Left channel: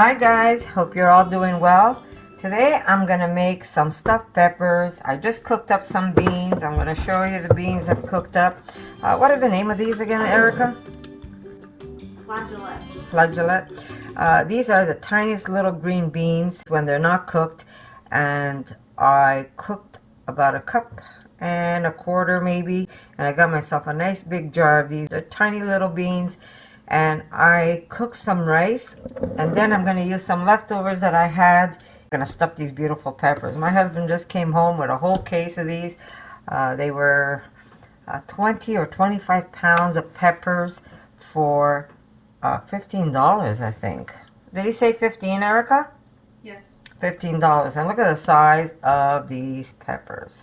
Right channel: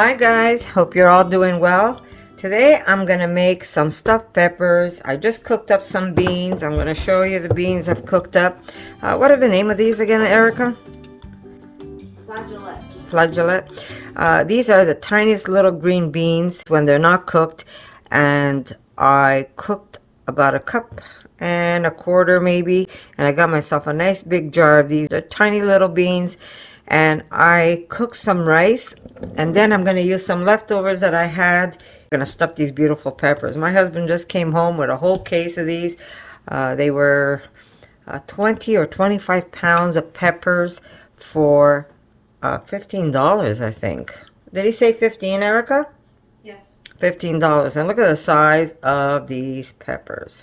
Hi guys, hope you're all doing well. Today I'm gonna make some stuffed peppers. I just cooked up some beans. I'm gonna show you the beans I've cooked up. What are the name of these again, Erica? Flageolet. Flageolet. These are the tiniest little green beans when they're not cooked, and I cooked about a cup and a quarter maybe, and I got myself a nice big jar of these. They're tiny little beans, and I cooked some rice, and then I'm going to use some leftovers that I had. I'm going to stuff these beautiful peppers. My husband just came home with a whole case of these. They were 20 or 25 pounds of peppers for $15, I think. Did he say 15, Erica? Yes. $15. And look at the size of these peppers.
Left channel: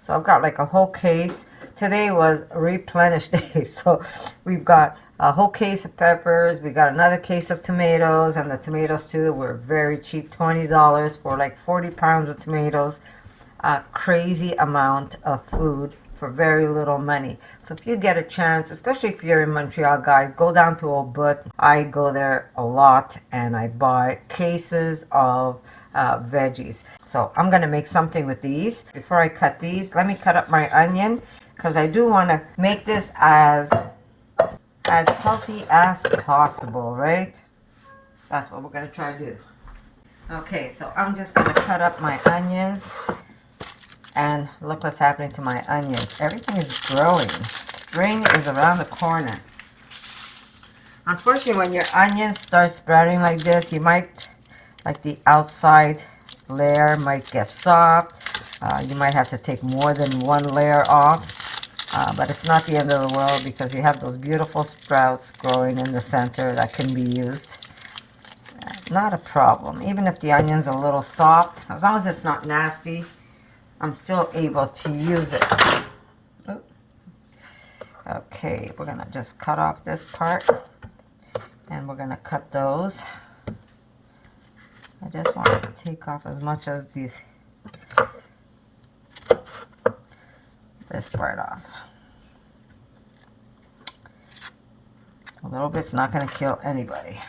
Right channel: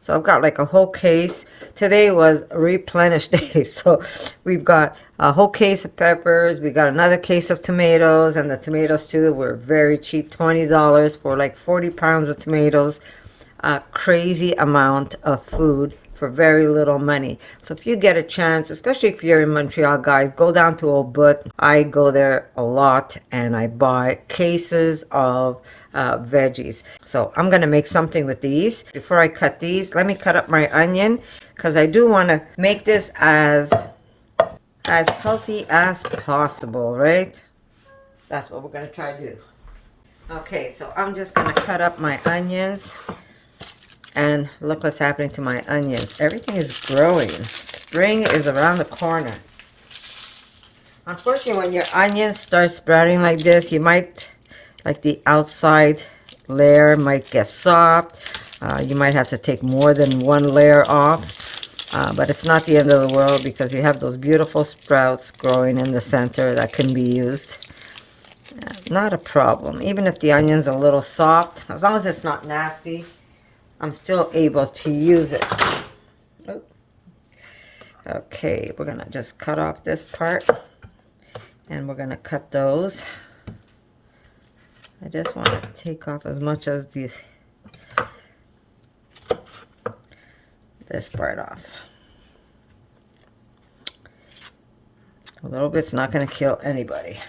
So I've got like a whole case. Today was replenish day. So we've got a whole case of peppers. We got another case of tomatoes. And the tomatoes too were very cheap. $20 for like 40 pounds of tomatoes. A crazy amount of food for very little money. So if you get a chance, especially if you're in Montreal, guys, go down to Old But. I go there a lot and I buy cases of veggies. So I'm gonna make something with these. Before I cut these, let me cut up my onion because I do want to make this as healthy as possible, right? That's what we're gonna try to do. Okay, so I'm just gonna cut up my onions. And look what's happening to my onions. Everything is growing. Spring is around the corner. Unfortunately, when your onions start sprouting like this, you might, like the outside layer might get soft. You might have to take more than one layer off. But it's not the end of the world because you have those beautiful sprouts growing in the center that can be used. Not a problem. Even if the onion's a little soft, as long as it's not nasty, I'm still able to use it. Oop. Okay, we're gonna just cut off this part and we're gonna cut those. I just want to take off as much as this part off. A little bit's not gonna kill anybody.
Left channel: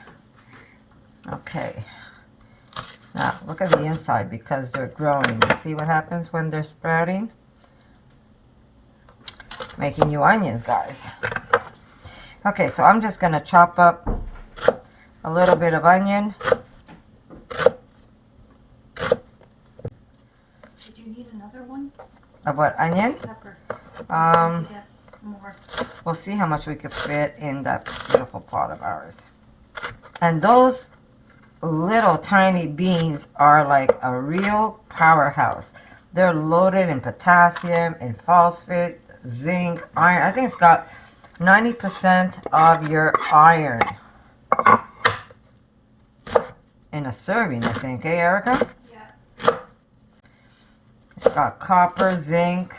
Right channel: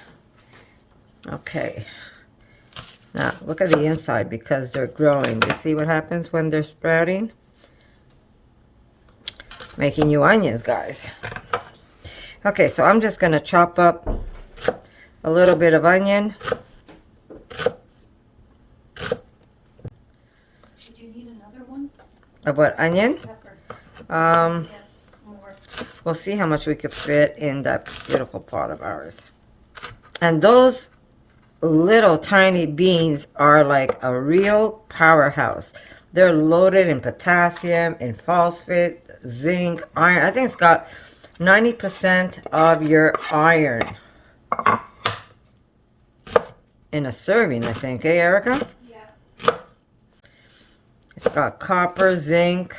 Okay. Now, look at the inside because they're growing. You see what happens when they're sprouting? Making you onions, guys. Okay, so I'm just going to chop up a little bit of onion. Did you need another one? Of what, onion? Pepper. Get more. We'll see how much we could fit in that beautiful pot of ours. And those little tiny beans are like a real powerhouse. They're loaded in potassium, in phosphate, zinc, iron. I think it's got 90% of your iron in a serving, I think. Hey, Erica? Yeah. It's got copper, zinc.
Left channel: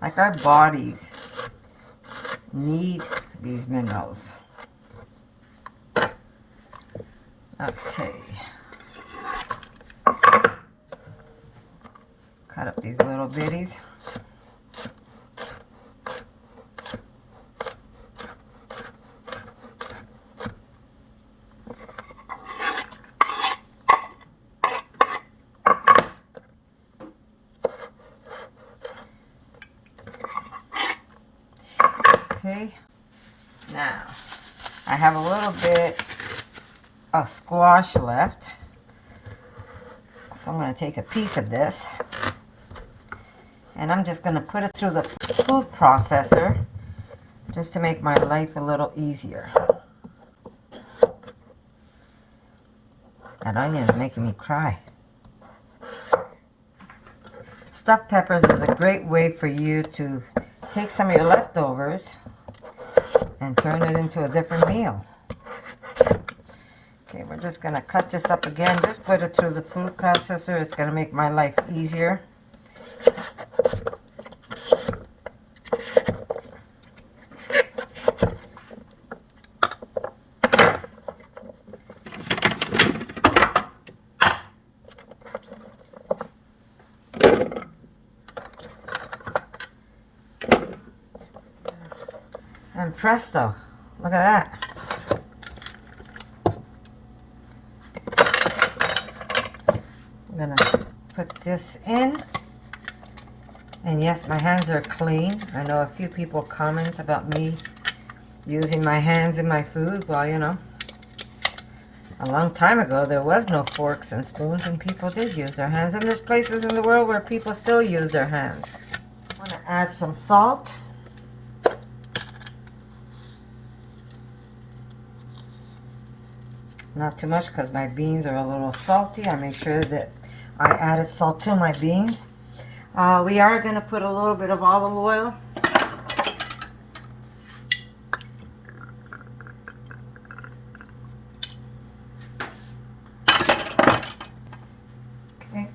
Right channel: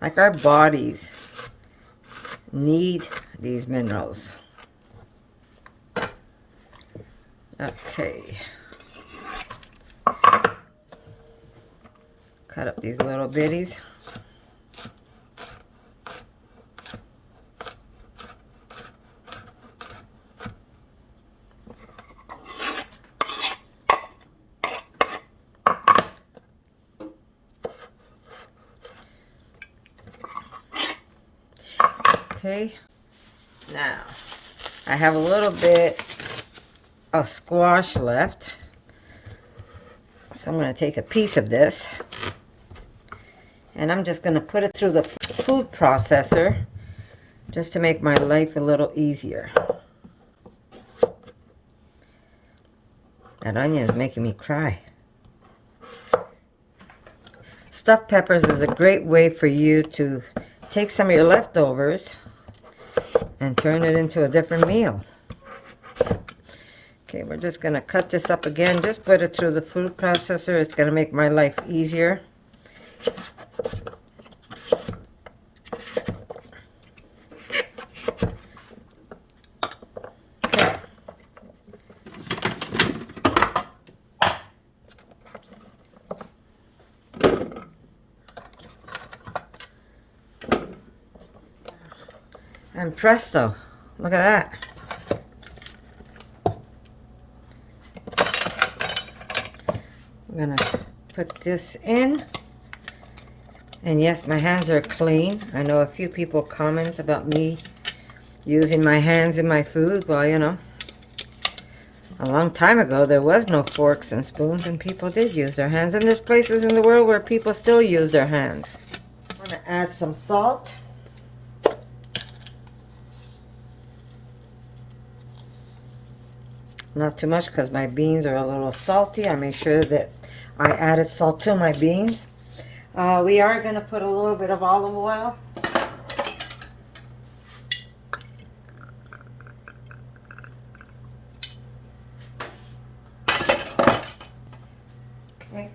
Like our bodies need these minerals. Okay. Cut up these little bitties. Okay. Now, I have a little bit of squash left, so I'm going to take a piece of this and I'm just going to put it through the food processor just to make my life a little easier. That onion is making me cry. Stuffed peppers is a great way for you to take some of your leftovers and turn it into a different meal. Okay, we're just going to cut this up again. Just put it through the food processor. It's going to make my life easier. And presto, look at that. I'm gonna put this in. And yes, my hands are clean. I know a few people comment about me using my hands in my food. Well, you know, a long time ago there was no forks and spoons and people did use their hands. And there's places in the world where people still use their hands. I'm gonna add some salt. Not too much because my beans are a little salty. I make sure that I added salt to my beans. We are going to put a little bit of olive oil. Okay.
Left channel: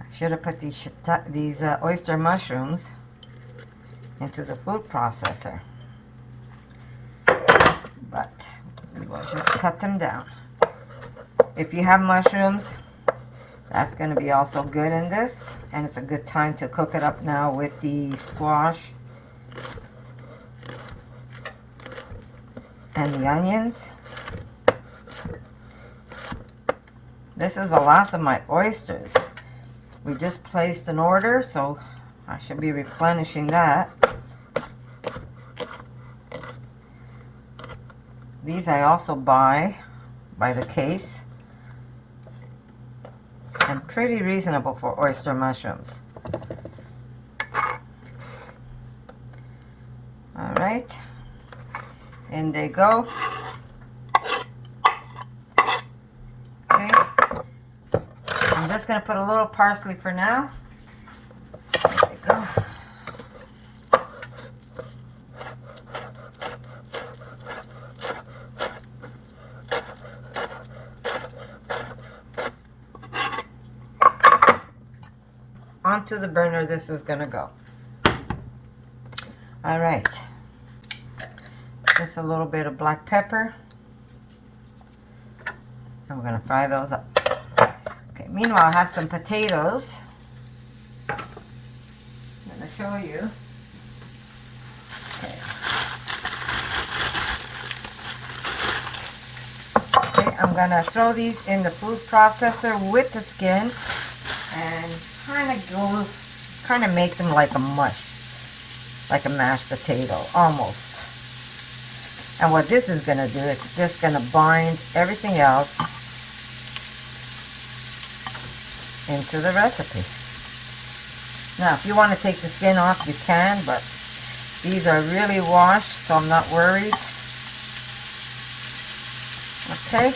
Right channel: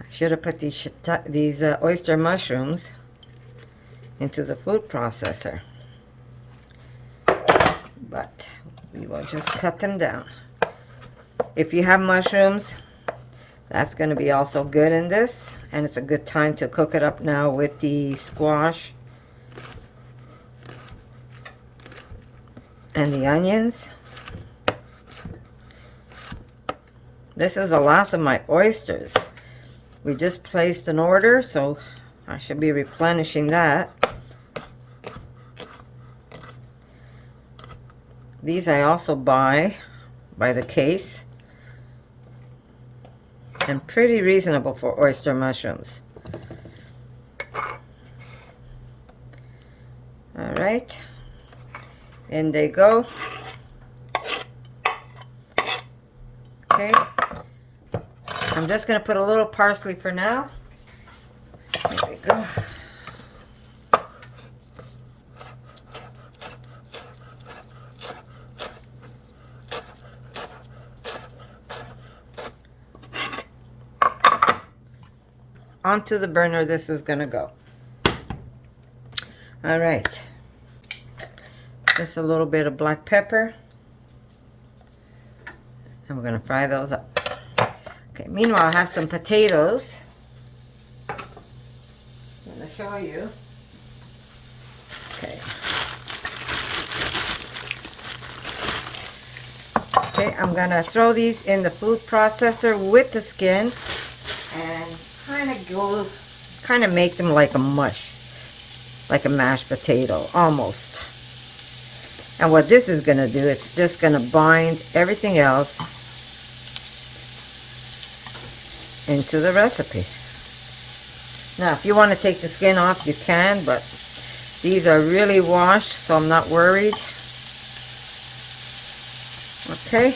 I should have put these oyster mushrooms into the food processor, but we will just cut them down. If you have mushrooms, that's going to be also good in this, and it's a good time to cook it up now with the squash and the onions. This is the last of my oysters. We just placed an order, so I should be replenishing that. These I also buy by the case. And pretty reasonable for oyster mushrooms. All right, in they go. Okay, I'm just gonna put a little parsley for now. There we go. Onto the burner this is gonna go. All right, just a little bit of black pepper, and we're gonna fry those up. Okay, meanwhile I have some potatoes. I'm gonna show you. Okay. Okay, I'm gonna throw these in the food processor with the skin and kind of make them like a mush, like a mashed potato, almost. And what this is going to do, it's just going to bind everything else into the recipe. Now, if you want to take the skin off, you can, but these are really washed, so I'm not worried. Okay.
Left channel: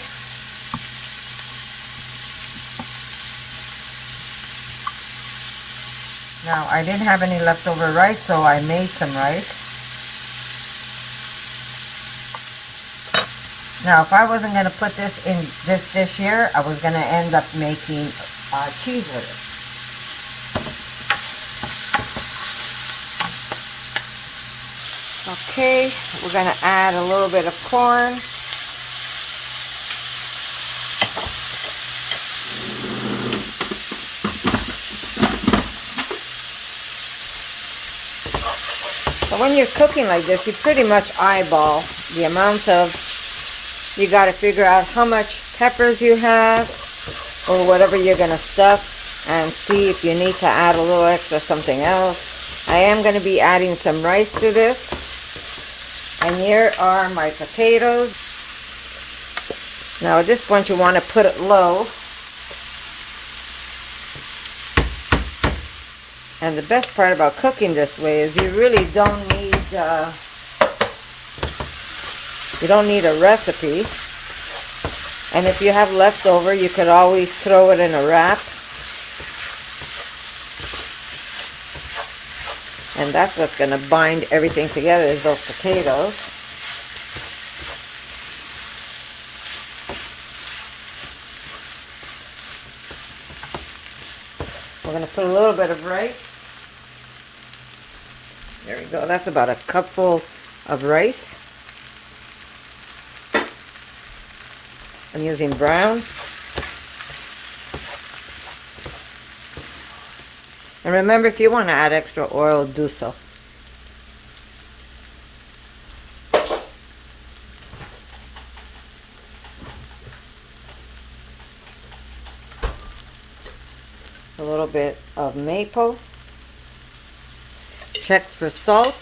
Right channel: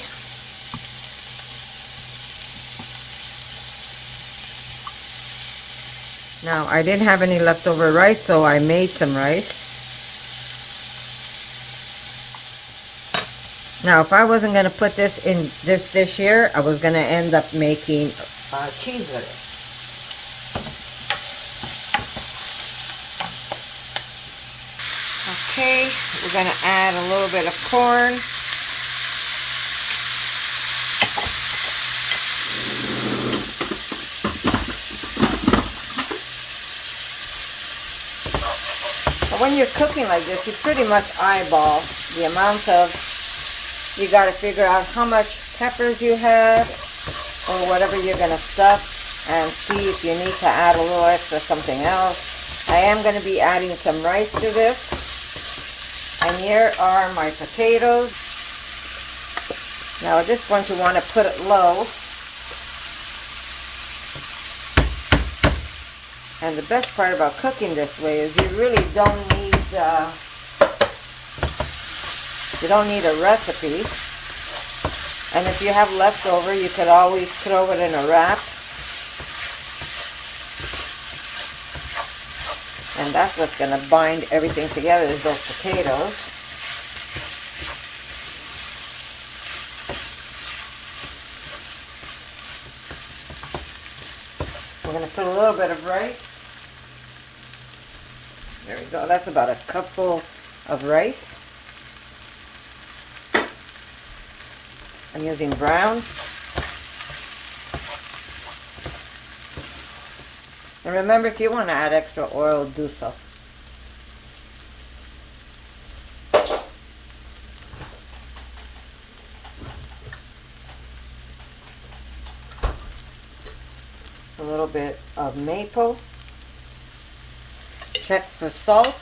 Now, I didn't have any leftover rice, so I made some rice. Now, if I wasn't going to put this in this dish here, I was going to end up making cheese with it. Okay, we're going to add a little bit of corn. When you're cooking like this, you pretty much eyeball the amount of, you got to figure out how much peppers you have or whatever you're going to stuff, and see if you need to add a little extra something else. I am going to be adding some rice to this, and here are my potatoes. Now at this point you want to put it low. And the best part about cooking this way is you really don't need a recipe. And if you have leftover, you could always throw it in a wrap. And that's what's going to bind everything together, is those potatoes. We're going to put a little bit of rice. There we go. That's about a cupful of rice. I'm using brown. And remember, if you want to add extra oil, do so. bit of maple. Check for salt.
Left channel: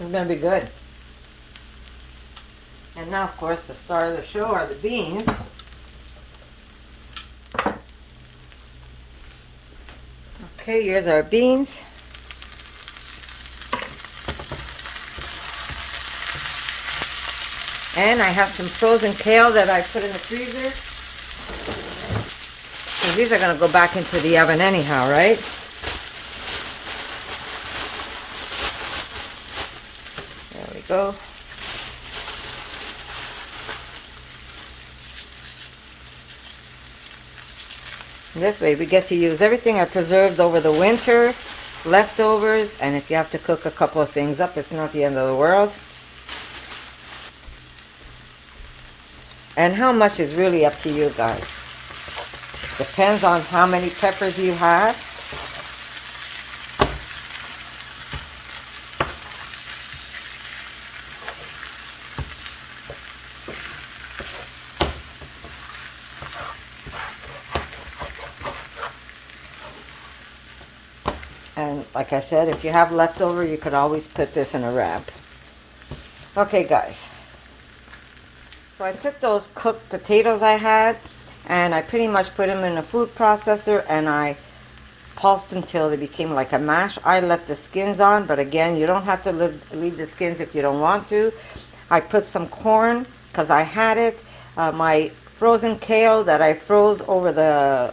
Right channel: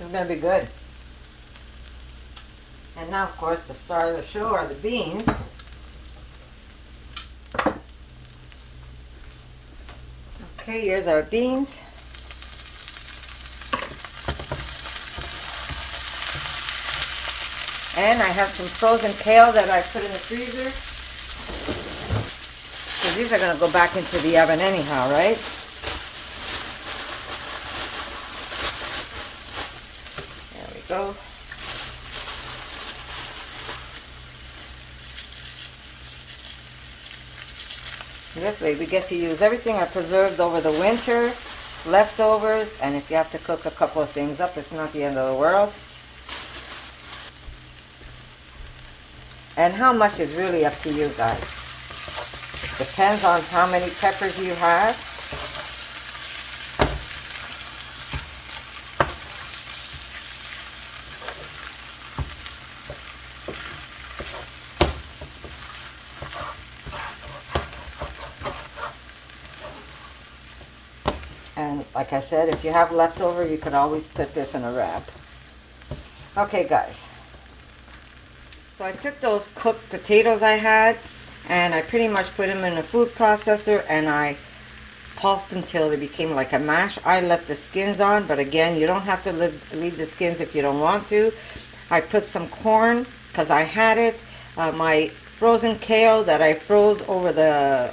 It's gonna be good. And now, of course, the star of the show are the beans. Okay, here's our beans. And I have some frozen kale that I put in the freezer. So these are gonna go back into the oven anyhow, right? There we go. This way we get to use everything I preserved over the winter, leftovers, and if you have to cook a couple of things up, it's not the end of the world. And how much is really up to you guys. Depends on how many peppers you have. And like I said, if you have leftover, you could always put this in a wrap. Okay, guys. So I took those cooked potatoes I had, and I pretty much put them in a food processor, and I pulsed them till they became like a mash. I left the skins on, but again, you don't have to leave the skins if you don't want to. I put some corn, because I had it. My frozen kale that I froze over the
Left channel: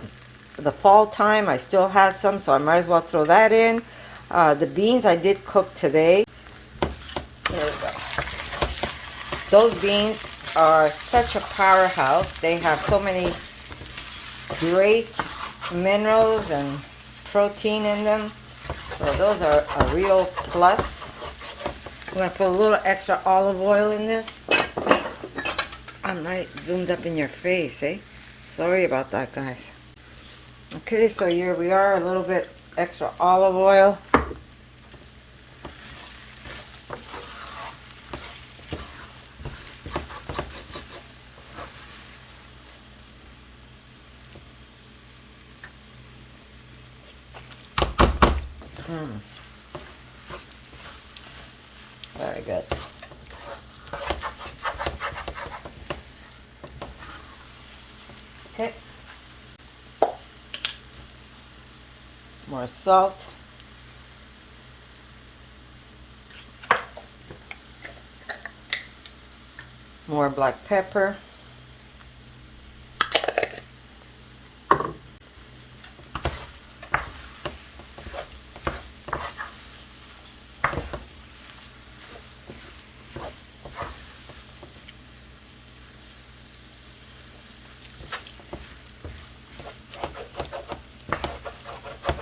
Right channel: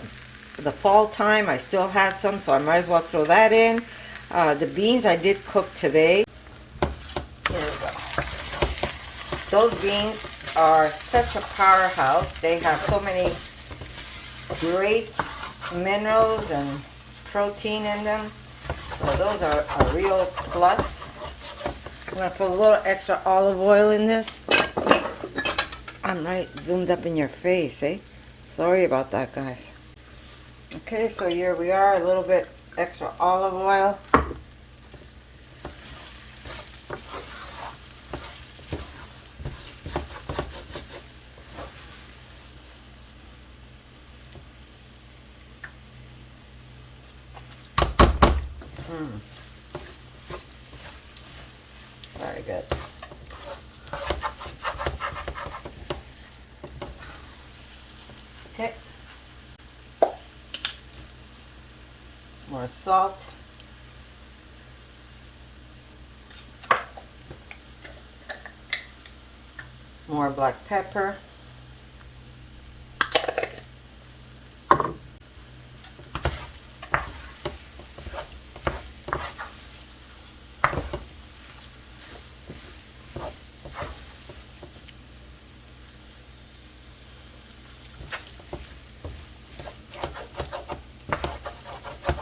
fall time, I still had some, so I might as well throw that in. The beans I did cook today. Here we go. Those beans are such a powerhouse. They have so many great minerals and protein in them. So those are a real plus. I'm going to put a little extra olive oil in this. I'm right zoomed up in your face, eh? Sorry about that, guys. Okay, so here we are, a little bit extra olive oil. Very good. Okay. More salt. More black pepper.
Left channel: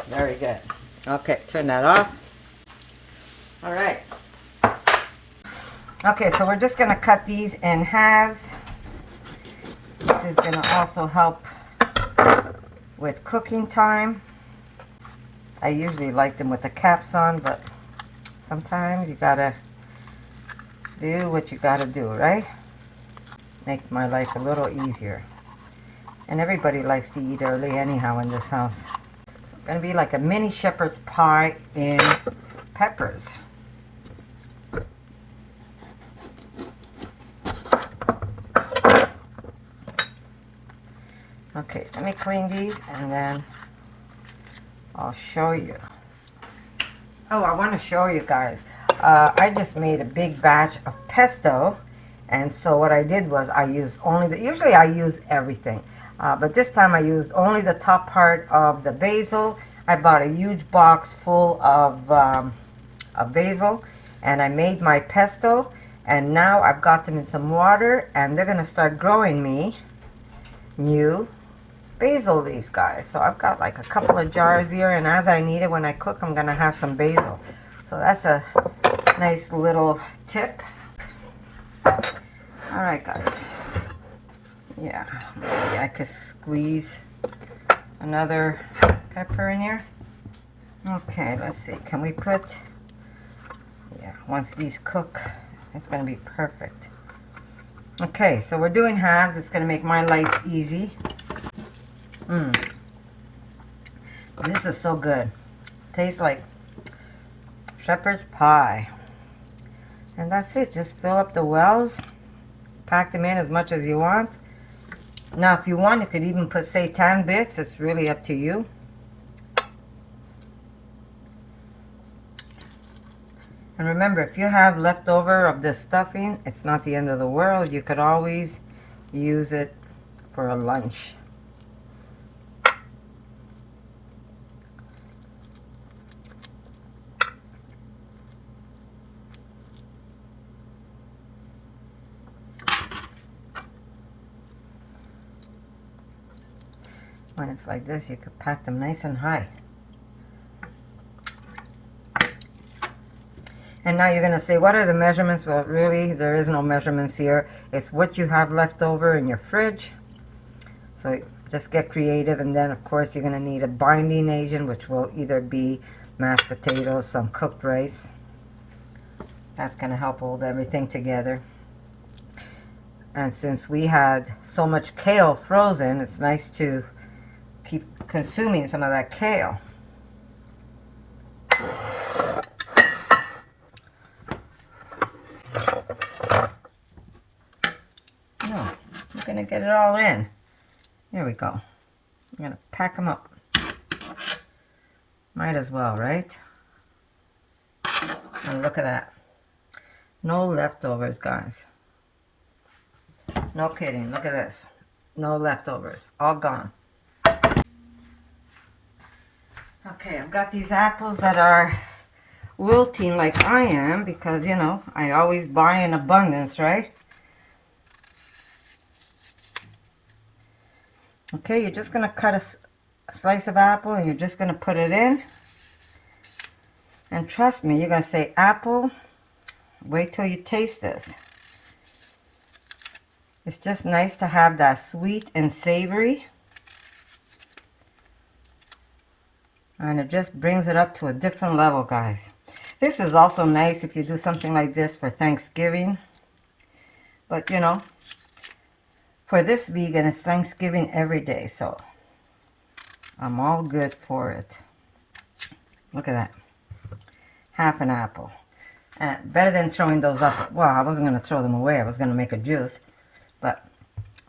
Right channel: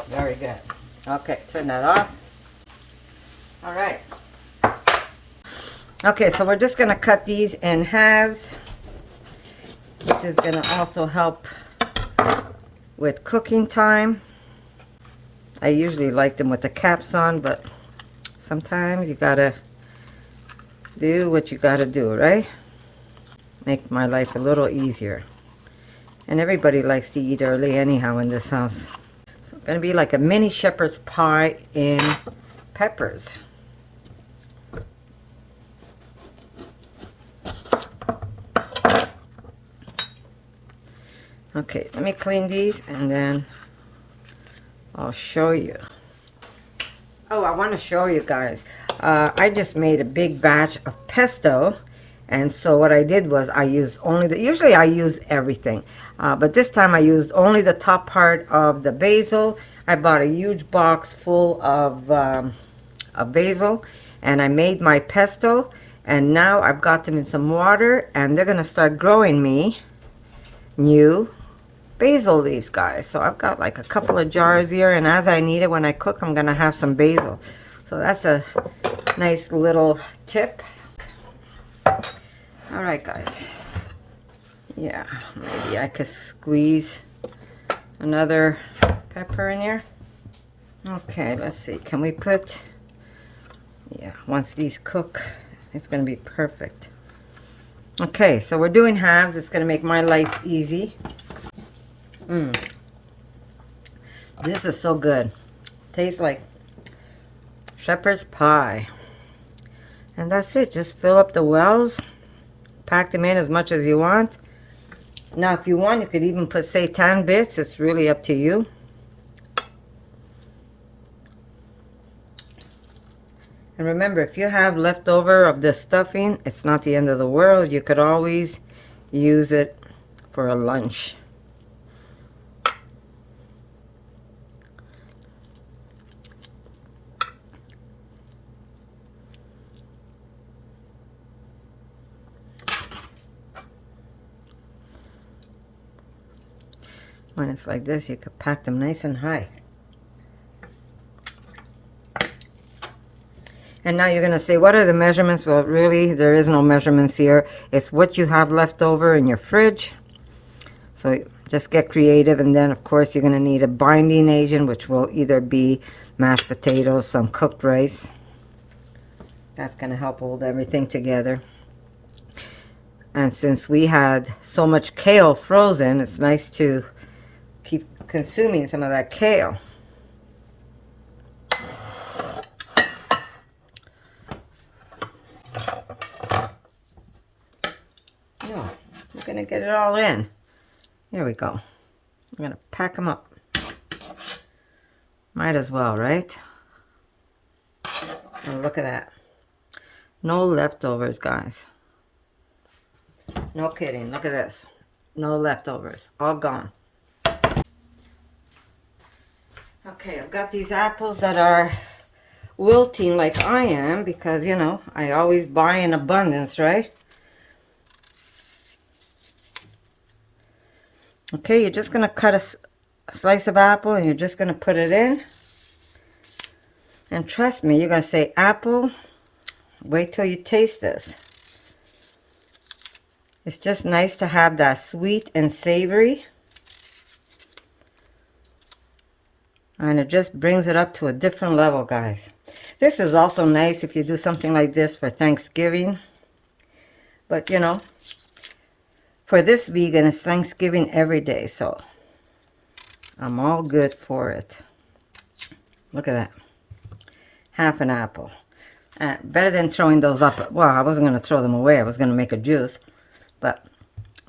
Very good. Okay, turn that off. All right. Okay, so we're just going to cut these in halves, which is going to also help with cooking time. I usually like them with the caps on, but sometimes you got to do what you got to do, right? Make my life a little easier. And everybody likes to eat early anyhow in this house. Gonna be like a mini shepherd's pie in peppers. Okay, let me clean these and then I'll show you. Oh, I want to show you guys. I just made a big batch of pesto, and so what I did was I used only the, usually I use everything, but this time I used only the top part of the basil. I bought a huge box full of basil, and I made my pesto, and now I've got them in some water, and they're gonna start growing me new basil leaves, guys. So I've got like a couple of jars here, and as I need it when I cook, I'm gonna have some basil. So that's a nice little tip. All right, guys. Yeah, maybe I could squeeze another pepper in here. Okay, let's see. Can we put... Yeah, once these cook, it's going to be perfect. Okay, so we're doing halves. It's going to make my life easy. This is so good. Tastes like shepherd's pie. And that's it. Just fill up the wells. Pack them in as much as you want. Now, if you want, you could even put seitan bits. It's really up to you. And remember, if you have leftover of the stuffing, it's not the end of the world. You could always use it for a lunch. When it's like this, you could pack them nice and high. And now you're going to say, what are the measurements? Well, really, there is no measurements here. It's what you have left over in your fridge. So just get creative. And then, of course, you're going to need a binding agent, which will either be mashed potatoes, some cooked rice. That's going to help hold everything together. And since we had so much kale frozen, it's nice to keep consuming some of that kale. No, I'm gonna get it all in. Here we go. I'm gonna pack them up. Might as well, right? Oh, look at that. No leftovers, guys. No kidding. Look at this. No leftovers. All gone. Okay, I've got these apples that are wilting like I am because, you know, I always buy in abundance, right? Okay, you're just going to cut a slice of apple and you're just going to put it in. And trust me, you're going to say, apple, wait till you taste this. It's just nice to have that sweet and savory. And it just brings it up to a different level, guys. This is also nice if you do something like this for Thanksgiving. But, you know, for this vegan, it's Thanksgiving every day. So, I'm all good for it. Look at that. Half an apple. Better than throwing those up. Well, I wasn't going to throw them away. I was going to make a juice. But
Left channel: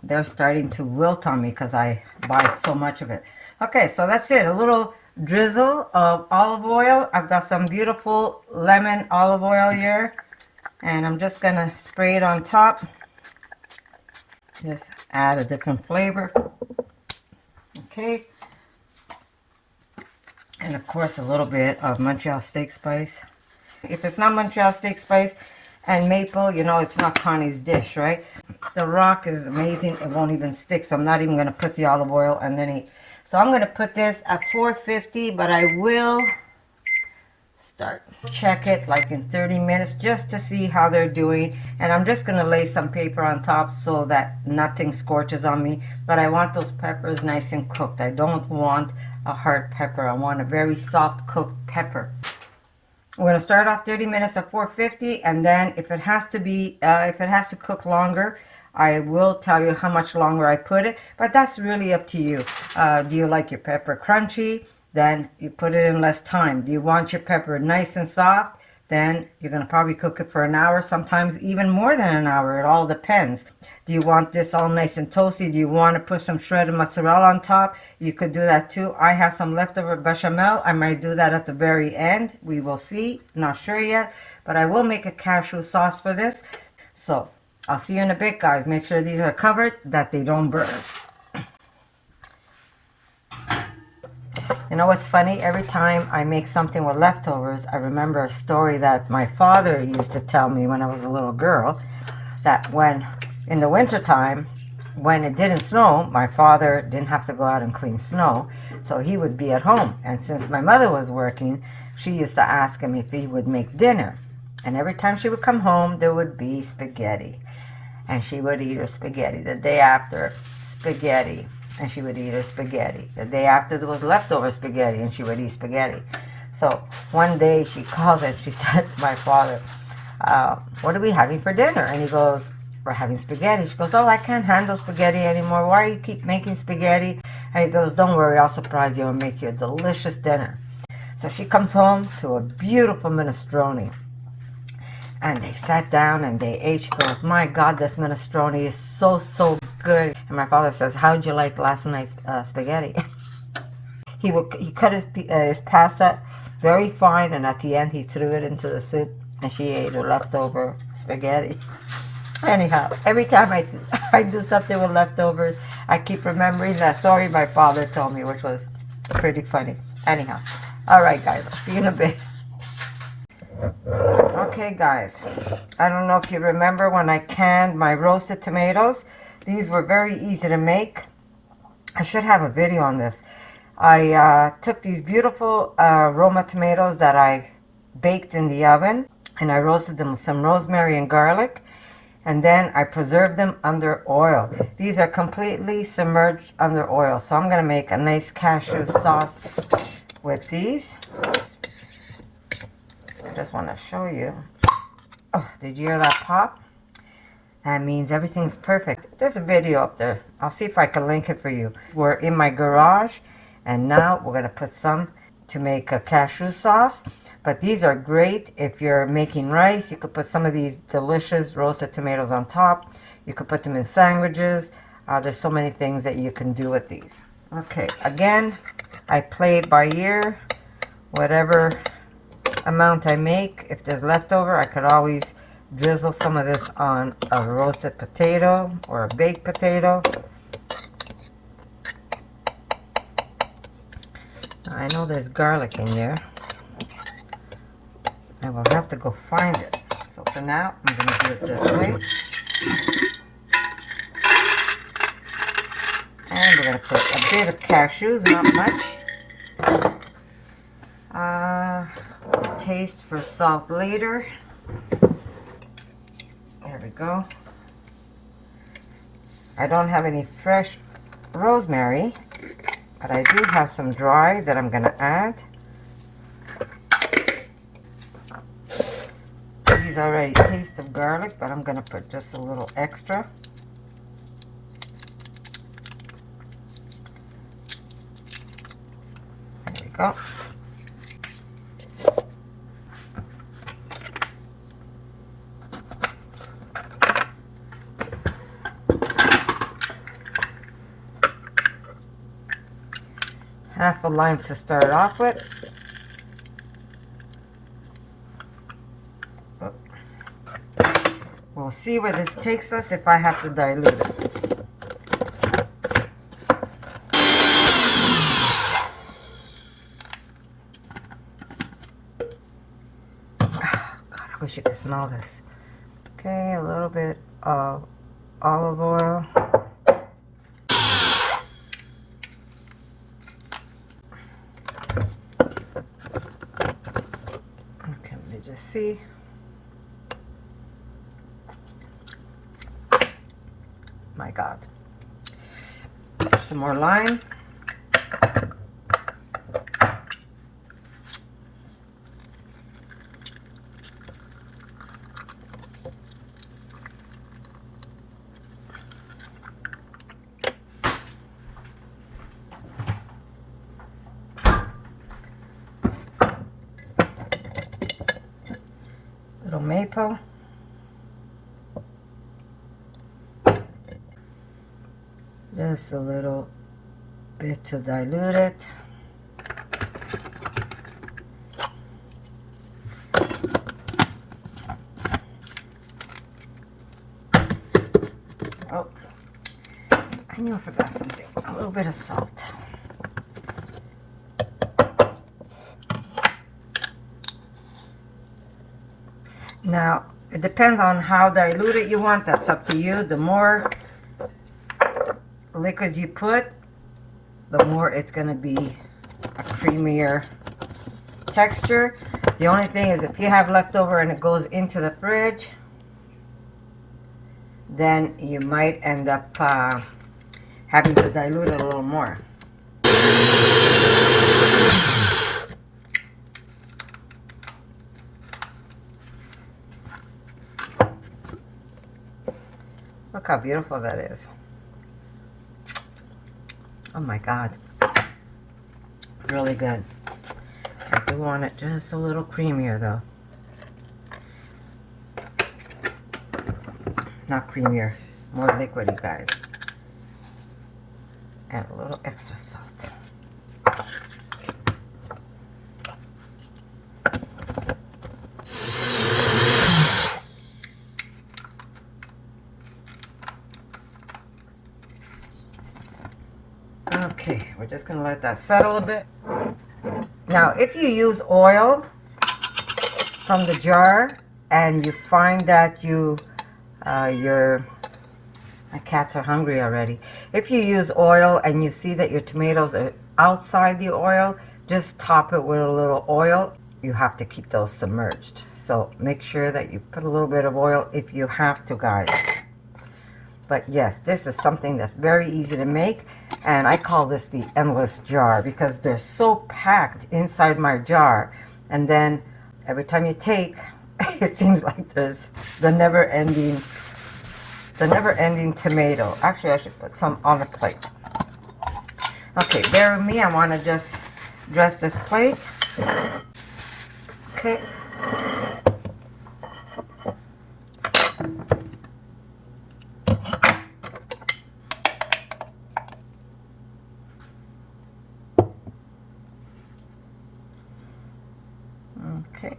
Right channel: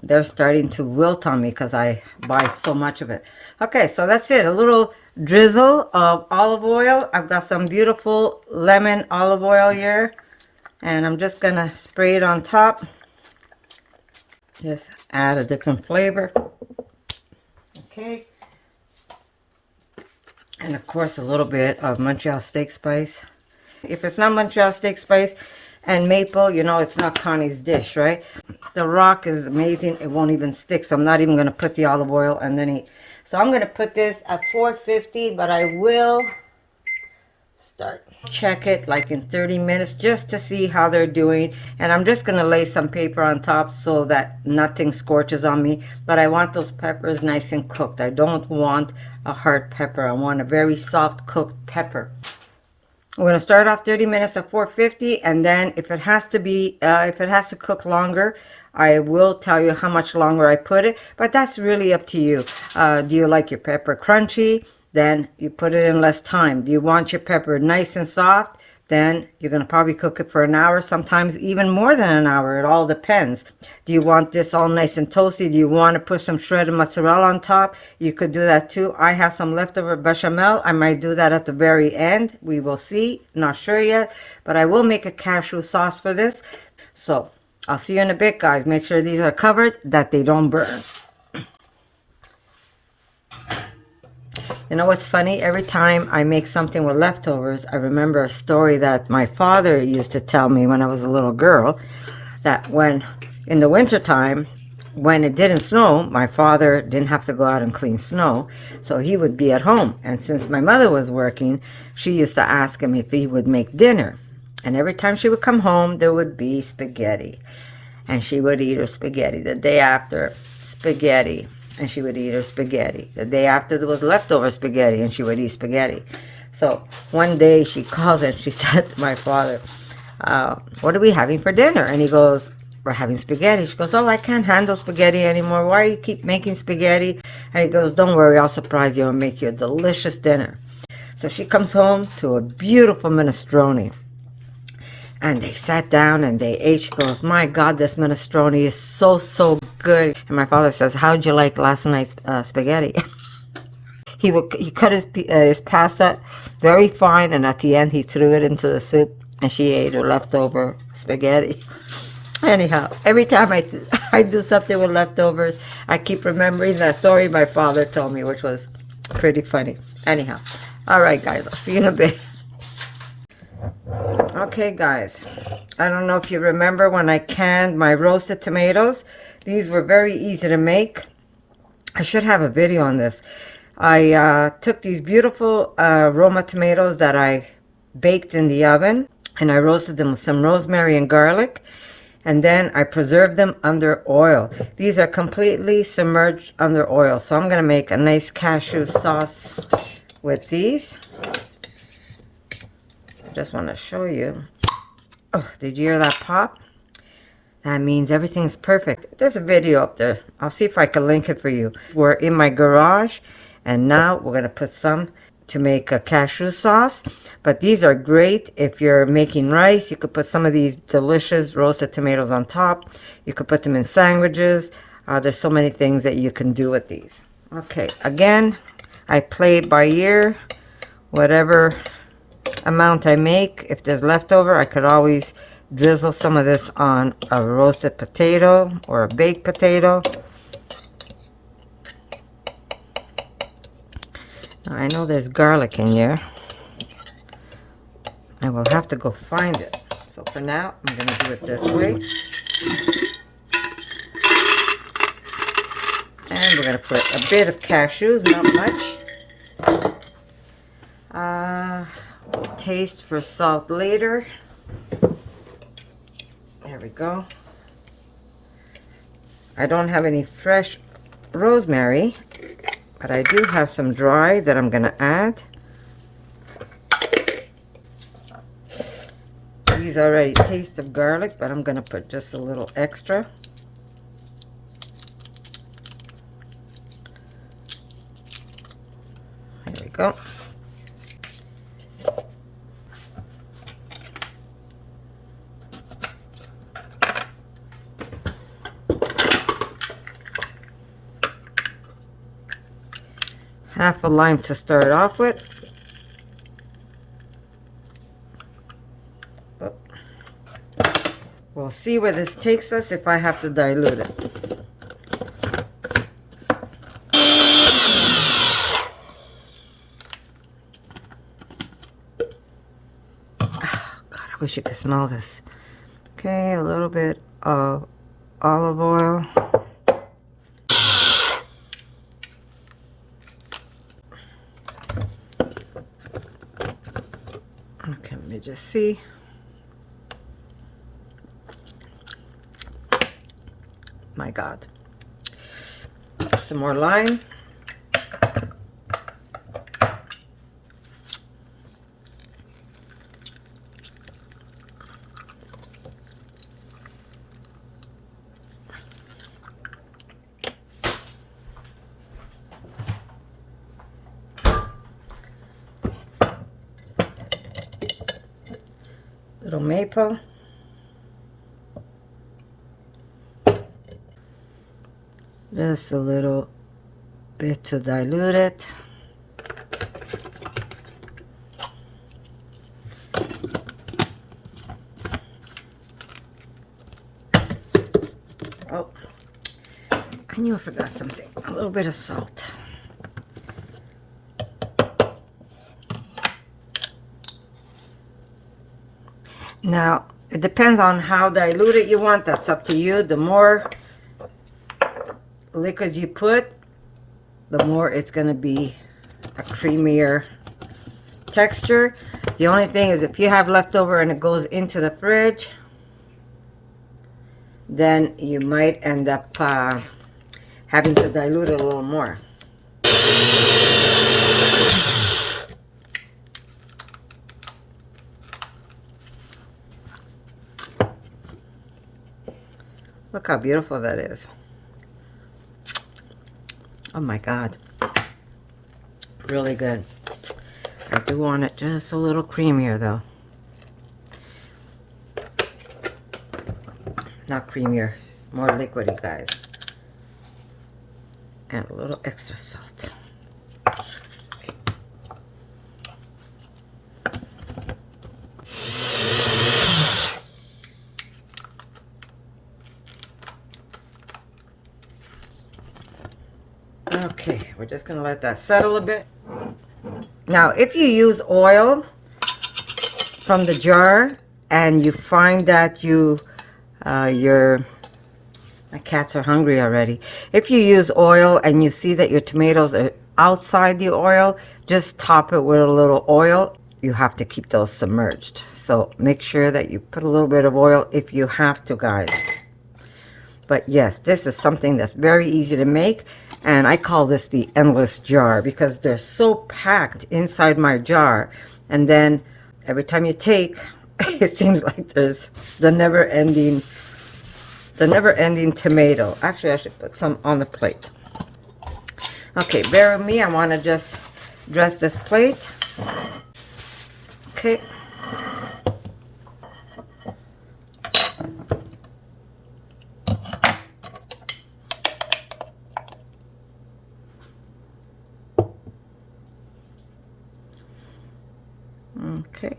they're starting to wilt on me because I buy so much of it. Okay, so that's it. A little drizzle of olive oil. I've got some beautiful lemon olive oil here. And I'm just going to spray it on top. Just add a different flavor. Okay. And of course a little bit of Montreal steak spice. If it's not Montreal steak spice and maple, you know it's not Connie's dish, right? The rock is amazing. It won't even stick. So I'm not even going to put the olive oil and then eat. So I'm going to put this at 450, but I will check it like in 30 minutes just to see how they're doing. And I'm just going to lay some paper on top so that nothing scorches on me. But I want those peppers nice and cooked. I don't want a hard pepper. I want a very soft cooked pepper. We're going to start off 30 minutes at 450, and then if it has to be, if it has to cook longer, I will tell you how much longer I put it, but that's really up to you. Do you like your pepper crunchy? Then you put it in less time. Do you want your pepper nice and soft? Then you're going to probably cook it for an hour, sometimes even more than an hour. It all depends. Do you want this all nice and toasty? Do you want to put some shredded mozzarella on top? You could do that too. I have some leftover bechamel. I might do that at the very end. We will see. Not sure yet. But I will make a cashew sauce for this. So I'll see you in a bit, guys. Make sure these are covered, that they don't burn. You know what's funny? Every time I make something with leftovers, I remember a story that my father used to tell me when I was a little girl, that when in the wintertime, when it didn't snow, my father didn't have to go out and clean snow, so he would be at home. And since my mother was working, she used to ask him if he would make dinner. And every time she would come home, there would be spaghetti. And she would eat her spaghetti. The day after, spaghetti. And she would eat her spaghetti. The day after, there was leftover spaghetti, and she would eat spaghetti. So one day she called and she said to my father, what are we having for dinner? And he goes, we're having spaghetti. She goes, oh, I can't handle spaghetti anymore. Why do you keep making spaghetti? And he goes, don't worry, I'll surprise you and make you a delicious dinner. So she comes home to a beautiful minestrone. And they sat down and they ate. She goes, my God, this minestrone is so, so good. And my father says, how'd you like last night's spaghetti? He cut his pasta very fine, and at the end he threw it into the soup, and she ate her leftover spaghetti. Anyhow, every time I do something with leftovers, I keep remembering that story my father told me, which was pretty funny. Anyhow, all right, guys, I'll see you in a bit. Okay, guys, I don't know if you remember when I canned my roasted tomatoes. These were very easy to make. I should have a video on this. I took these beautiful Roma tomatoes that I baked in the oven, and I roasted them with some rosemary and garlic, and then I preserved them under oil. These are completely submerged under oil, so I'm going to make a nice cashew sauce with these. I just want to show you. Oh, did you hear that pop? That means everything's perfect. There's a video up there. I'll see if I can link it for you. We're in my garage, and now we're going to put some to make a cashew sauce. But these are great if you're making rice. You could put some of these delicious roasted tomatoes on top. You could put them in sandwiches. There's so many things that you can do with these. Okay, again, I play it by ear. Whatever amount I make, if there's leftover, I could always drizzle some of this on a roasted potato or a baked potato. I know there's garlic in here. I will have to go find it. So for now, I'm going to do it this way. And we're going to put a bit of cashews, not much. Taste for salt later. There we go. I don't have any fresh rosemary, but I do have some dry that I'm going to add. These already taste of garlic, but I'm going to put just a little extra. There we go. Half a lime to start off with. We'll see where this takes us if I have to dilute it. Oh, God, I wish you could smell this. Okay, a little bit of olive oil. Okay, let me just see. My God. Some more lime. Little maple. Just a little bit to dilute it. Oh, I knew I forgot something. A little bit of salt. Now, it depends on how diluted you want. That's up to you. The more liquids you put, the more it's going to be a creamier texture. The only thing is if you have leftover and it goes into the fridge, then you might end up having to dilute it a little more. Look how beautiful that is. Oh my God. Really good. I do want it just a little creamier though. Not creamier, more liquidy, guys. And a little extra salt. Okay, we're just gonna let that settle a bit. Now, if you use oil from the jar and you find that my cats are hungry already. If you use oil and you see that your tomatoes are outside the oil, just top it with a little oil. You have to keep those submerged. So make sure that you put a little bit of oil if you have to, guys. But yes, this is something that's very easy to make, and I call this the endless jar because they're so packed inside my jar. And then every time you take, it seems like there's the never-ending tomato. Actually, I should put some on the plate. Okay, bear with me. I want to just dress this plate. Okay. Okay.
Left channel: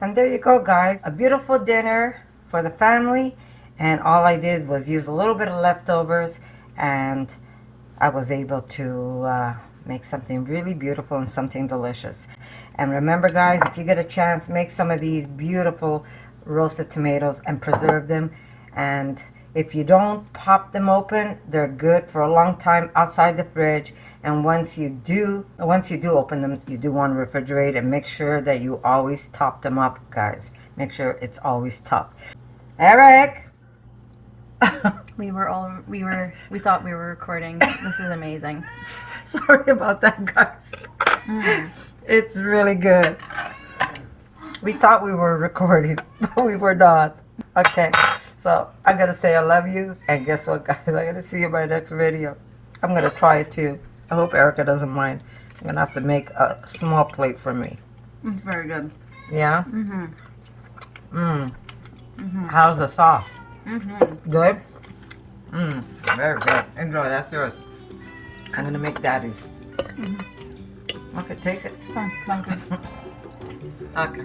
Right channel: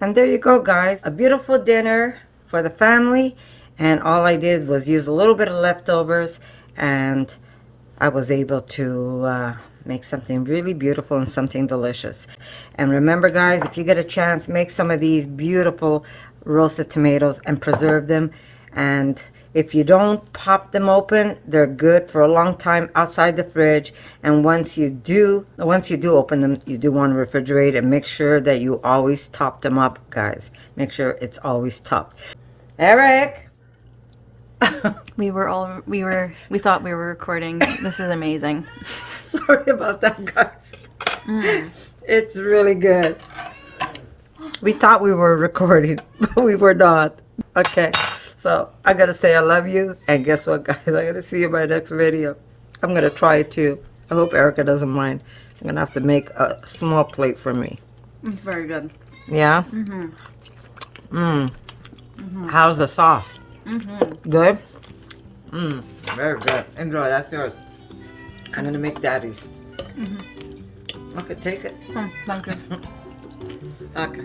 And there you go, guys. A beautiful dinner for the family. And all I did was use a little bit of leftovers, and I was able to make something really beautiful and something delicious. And remember, guys, if you get a chance, make some of these beautiful roasted tomatoes and preserve them. And if you don't pop them open, they're good for a long time outside the fridge. And once you do open them, you do want to refrigerate and make sure that you always top them up, guys. Make sure it's always topped. Eric! We thought we were recording. This is amazing. Sorry about that, guys. It's really good. We thought we were recording, but we were not. Okay, so I gotta say I love you, and guess what, guys? I gotta see you in my next video. I'm gonna try it too. I hope Erica doesn't mind. I'm gonna have to make a small plate for me. It's very good. Yeah? How's the sauce? Good? Very good. Enjoy, that's yours. I'm gonna make daddy's. Okay, take it. Thank you. Okay.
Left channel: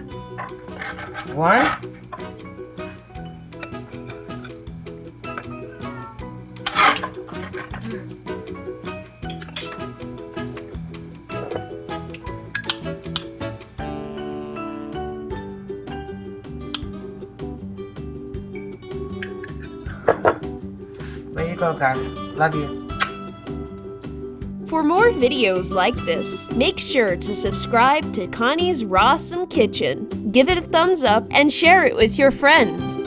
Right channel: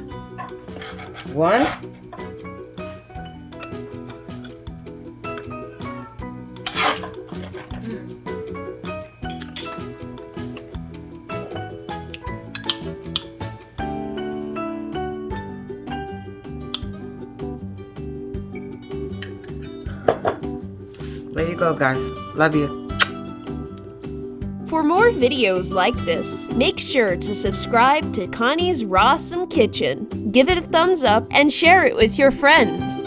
One. There you go, guys. Love you. For more videos like this, make sure to subscribe to Connie's RAWsome Kitchen, give it a thumbs up, and share it with your friends.